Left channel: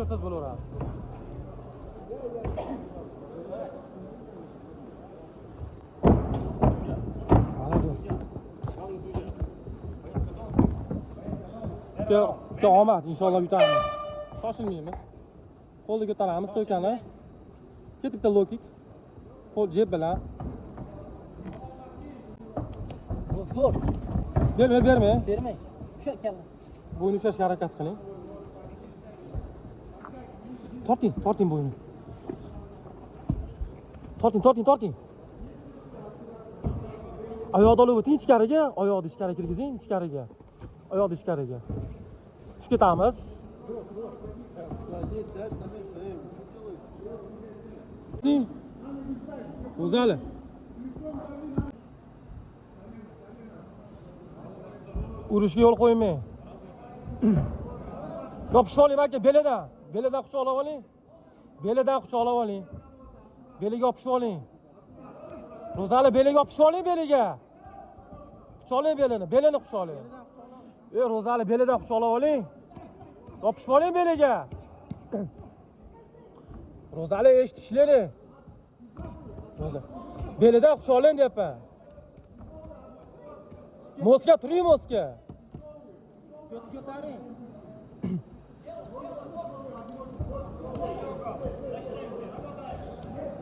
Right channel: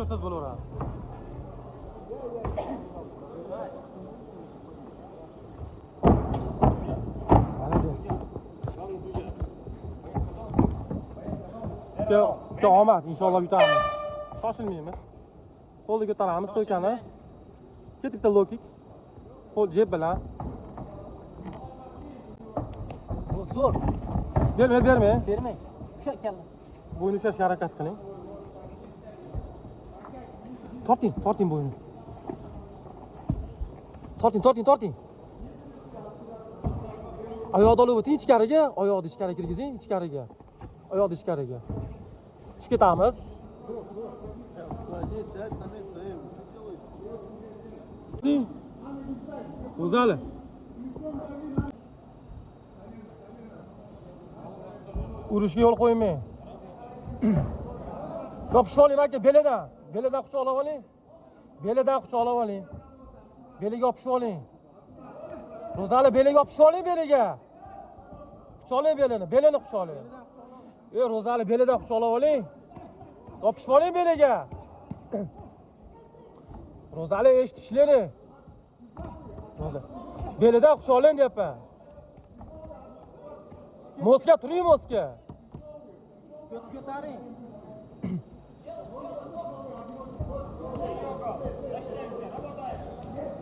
ko'rsangiz bo'laveradi. Omad inshaalloh yutamiz. Shoshilmaymiz. Qo'lni ko'taramiz, so'kani. Ketibdi low kick. Qo'l jeb bilan. Zo'r. Bermang. Bermang. Shu kalla. Bo'yni ushlashga harakat qiling. Torting bo'yni. Torting. Oyoqni olib o'ting ichkariga, oyoqni ichkariga kirgizing, ichkariga. Oyoqni ichkariga. Tushib ketamiz. O'zali. Urushga yo'l qo'ymang. Yopishib oling aka, belidan quchoqlab oling. Belidan quchoqlab oling. Beliga yopishib oling. O'zali beliga yopishib oling, beliga. Quchoqlang belini quchoqlang. Ro'zali belidan quchoqlab oling. Yopishib oling beliga. Ro'zali eshitishlari. Belidan quchoqlang deyapman. Moska turing, moska. Ko'taring.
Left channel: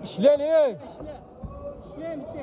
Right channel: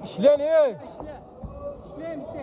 Ishlang, Ishlang bitta.